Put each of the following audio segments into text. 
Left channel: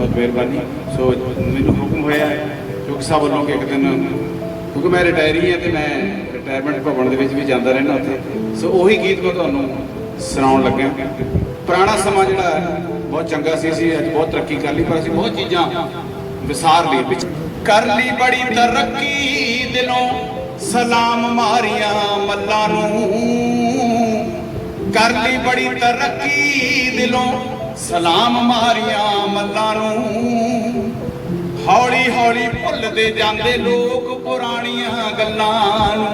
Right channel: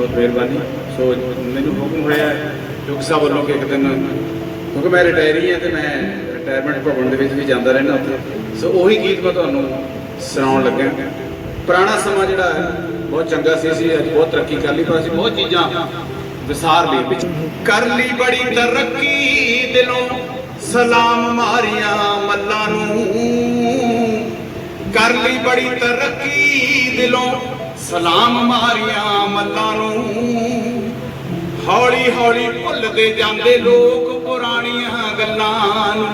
ਬਹੁਤ ਮਿਹਰਬਾਨੀ। ਸੋ ਮੈਨੂੰ ਹੁਕਮ ਹੋਇਆ ਚੁੱਕ ਸਾਹਿਬ ਵੱਲੋਂ ਕਿ ਇੱਕ ਦਿਨ, ਕਿਉਂਕਿ ਮੈਂ ਰਿਟਾਇਰੀ ਹਾਂ ਤੇ ਮੈਂ ਰਿਟਾਇਰਮੈਂਟ ਭਵਨ ਦੇ ਵਿੱਚ ਵੀ ਜਾਂਦਾ ਰਹਿੰਦਾ ਉੱਥੇ। ਸੋ ਉਹੀ ਗੀਤ ਮੈਂ ਤੁਹਾਨੂੰ ਸੁਣਾਉਣ ਲੱਗਾ ਪੁਰਾਣਾ ਸਮਾਂ ਜਿਹੜਾ ਬਹੁਤ ਚੰਗਾ ਸੀ ਸੀ ਅੱਜ ਬਹੁਤ ਤਰੱਕੀ ਕਰ ਲਈ, ਪਰ ਅਸੀਂ ਬਹੁਤ ਚੀਜ਼ਾਂ ਵਿਸਾਰ ਲਈ ਵਿੱਚ ਕਰ ਲਈ ਬੜੀ ਤਰੱਕੀ ਦਿਲੋਂ, ਸਲਾਮ ਮਾਰੀਆਂ ਮੱਲਾਂ ਨੂੰ। ਕਰ ਲਈ ਬੜੀ ਤਰੱਕੀ ਦਿਲੋਂ ਸਲਾਮ ਮਾਰੀਆਂ ਮੱਲਾਂ ਨੂੰ। ਹੌਲੀ ਹੌਲੀ ਭੁੱਲਦੇ ਜਾਂਦੇ ਲੋਕ ਪੁਰਾਣੀਆਂ ਗੱਲਾਂ ਨੂੰ।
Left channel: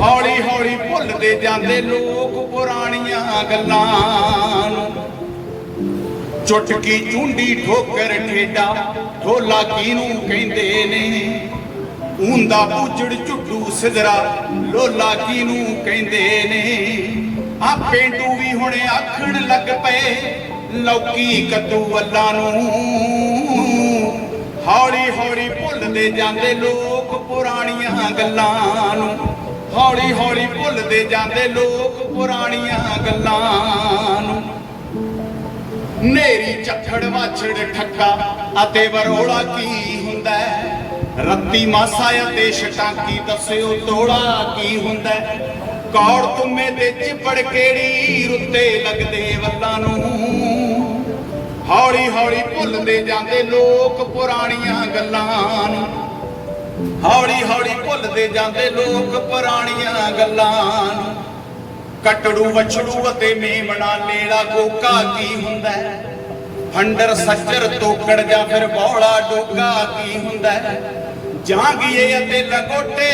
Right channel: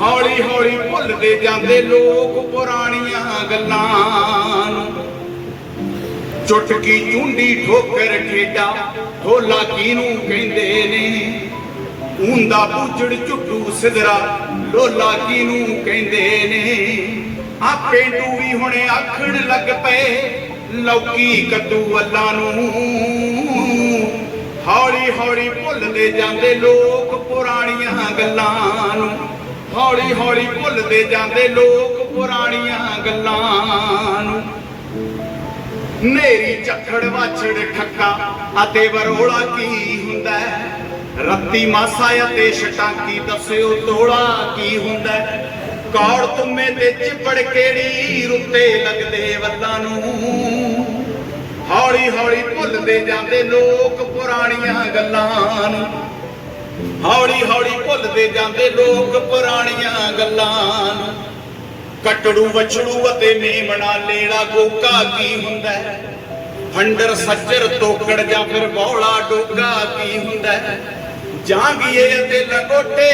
ਹੌਲੀ ਹੌਲੀ ਭੁੱਲਦੇ ਜਾਂਦੇ ਲੋਕ ਪੁਰਾਣੀਆਂ ਗੱਲਾਂ ਨੂੰ। ਚੁਟਕੀ ਚੁੰਡੀ ਠੋਕਰ ਠੇਡਾ ਢੋਲਾ ਕਿਨੂੰ ਕਹਿੰਦੇ ਨੇ? ਉਂਦਾ ਬੂਝੜ ਝੁੱਟੂ ਸਿਧਰਾ ਲੋਲਾ ਕਿਨੂੰ ਕਹਿੰਦੇ ਨੇ? ਆ ਪੇਂਡੂ ਵੀ ਹੁਣ ਆਖਣ ਲੱਗ ਪਏ। ਲੌਕੀ ਕੱਦੂ ਅੱਲਾ ਨੂੰ। ਹੌਲੀ ਹੌਲੀ ਭੁੱਲਦੇ ਜਾਂਦੇ ਲੋਕ ਪੁਰਾਣੀਆਂ ਗੱਲਾਂ ਨੂੰ। ਹੌਲੀ ਹੌਲੀ ਭੁੱਲਦੇ ਜਾਂਦੇ ਲੋਕ ਪੁਰਾਣੀਆਂ ਗੱਲਾਂ ਨੂੰ। ਨੇਰੀ, ਝੱਖੜ, ਵਾਛੜ, ਠੱਕਾ ਅਤੇ ਬਰੋਲਾ ਕੀ ਹੁੰਦਾ? ਰੱਤੀ, ਮਾਸਾ ਅਤੇ ਛਟਾਕੀ ਦੱਸਿਓ ਤੋੜਾ ਕੀ ਹੁੰਦਾ? ਕੌੜ ਤੁਮੇ ਤੇ ਚਿਪੜ ਕਿਹੜੀ ਰੁੱਤੇ ਲੱਗਦੇ ਵੱਲਾਂ ਨੂੰ। ਹੌਲੀ ਹੌਲੀ ਭੁੱਲਦੇ ਜਾਂਦੇ ਲੋਕ ਪੁਰਾਣੀਆਂ ਗੱਲਾਂ ਨੂੰ। ਹੌਲੀ ਹੌਲੀ ਭੁੱਲਦੇ ਜਾਂਦੇ ਲੋਕ ਪੁਰਾਣੀਆਂ ਗੱਲਾਂ ਨੂੰ। ਕਟੜੂ ਵਛੜੂ ਅਤੇ ਮੇਮਣਾ ਲੇੜਾ ਗੋਕਾ ਕੀ ਹੁੰਦਾ? ਹੰਡਰ ਸੱਜਰ ਤੋਕੜ ਜਾਂ ਫਿਰ ਬੌਲਾ ਡੋਗਾ ਕੀ ਹੁੰਦਾ? ਹੈ? ਜਾਂਗੀਏ ਅਤੇ ਲੰਗੋਟੇ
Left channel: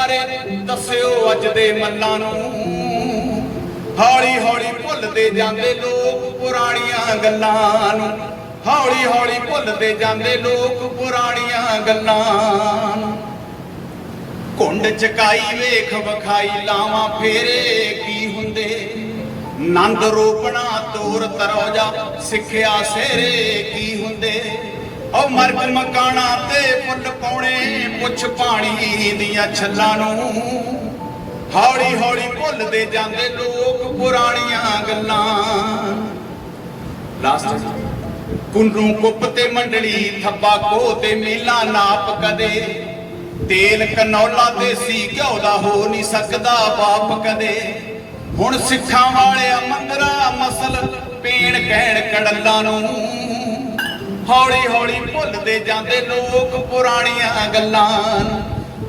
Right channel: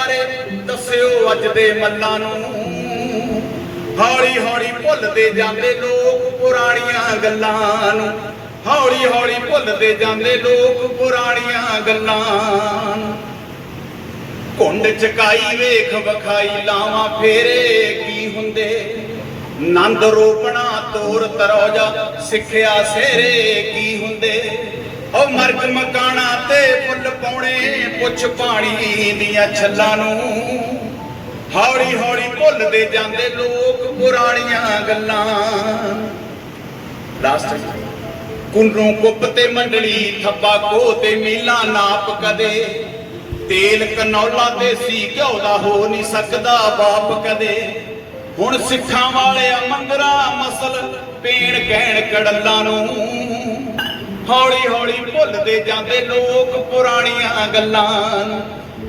ਬਾਰੇ ਦੱਸਿਓ ਅੱਜ ਦੇ ਮੱਲਾਂ ਨੂੰ। ਹੌਲੀ ਹੌਲੀ ਭੁੱਲਦੇ ਜਾਂਦੇ ਲੋਕ ਪੁਰਾਣੀਆਂ ਗੱਲਾਂ ਨੂੰ। ਹੌਲੀ ਹੌਲੀ ਭੁੱਲਦੇ ਜਾਂਦੇ ਲੋਕ ਪੁਰਾਣੀਆਂ ਗੱਲਾਂ ਨੂੰ। ਕੁੰਡ ਚਕਾਈ ਵੇਖ ਵਖਾਈ ਲਾਵਾਂ ਫੇਰੇ ਕੀ ਹੁੰਦੇ। ਨੰਦ ਰੋਪਣਾ ਤੋਰ ਤਰੋਜਾ ਸਿੱਖਿਆ ਸੇਰੇ ਕੀ ਹੁੰਦੇ। ਉਹ ਮਰਗ ਮਕਾਣਾ ਤੇ ਫੁੱਲ ਪਾਉਣੇ, ਪੁੱਛ ਪਾਣੀ ਦੀਆਂ ਛੱਲਾਂ ਨੂੰ। ਹੌਲੀ ਹੌਲੀ ਭੁੱਲਦੇ ਜਾਂਦੇ ਲੋਕ ਪੁਰਾਣੀਆਂ ਗੱਲਾਂ। ਲਾਸਟ ਕੁੰਨੂ ਕੁੱਪ ਤੇ ਮੰਡਲੀ ਥੱਬਾ ਕੋ ਤੇ ਮੀਲਾ ਨਾਪ ਕਦੇ। ਤੇਲ ਕਨੌਲਾ ਦੇਸੀ ਘਿਓ ਦਾ ਹੋ ਨਹੀਂ ਸਕਦਾ ਬਾਪ ਕਦੇ। ਹੁਣ ਸਿੱਖਾਂ ਵਾਲਿਆ ਮੰਦਰਾ ਮਸਲ ਪੀਣ ਕਹਿਣ ਕੜਲਾਂ ਨੂੰ। ਹੌਲੀ ਹੌਲੀ ਭੁੱਲਦੇ ਜਾਂਦੇ ਲੋਕ ਪੁਰਾਣੀਆਂ ਗੱਲਾਂ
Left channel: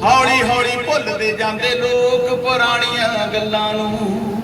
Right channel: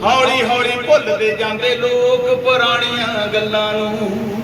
ਹੌਲੀ ਹੌਲੀ ਭੁੱਲਦੇ ਜਾਂਦੇ ਲੋਕ ਪੁਰਾਣੀਆਂ ਗੱਲਾਂ ਨੂੰ।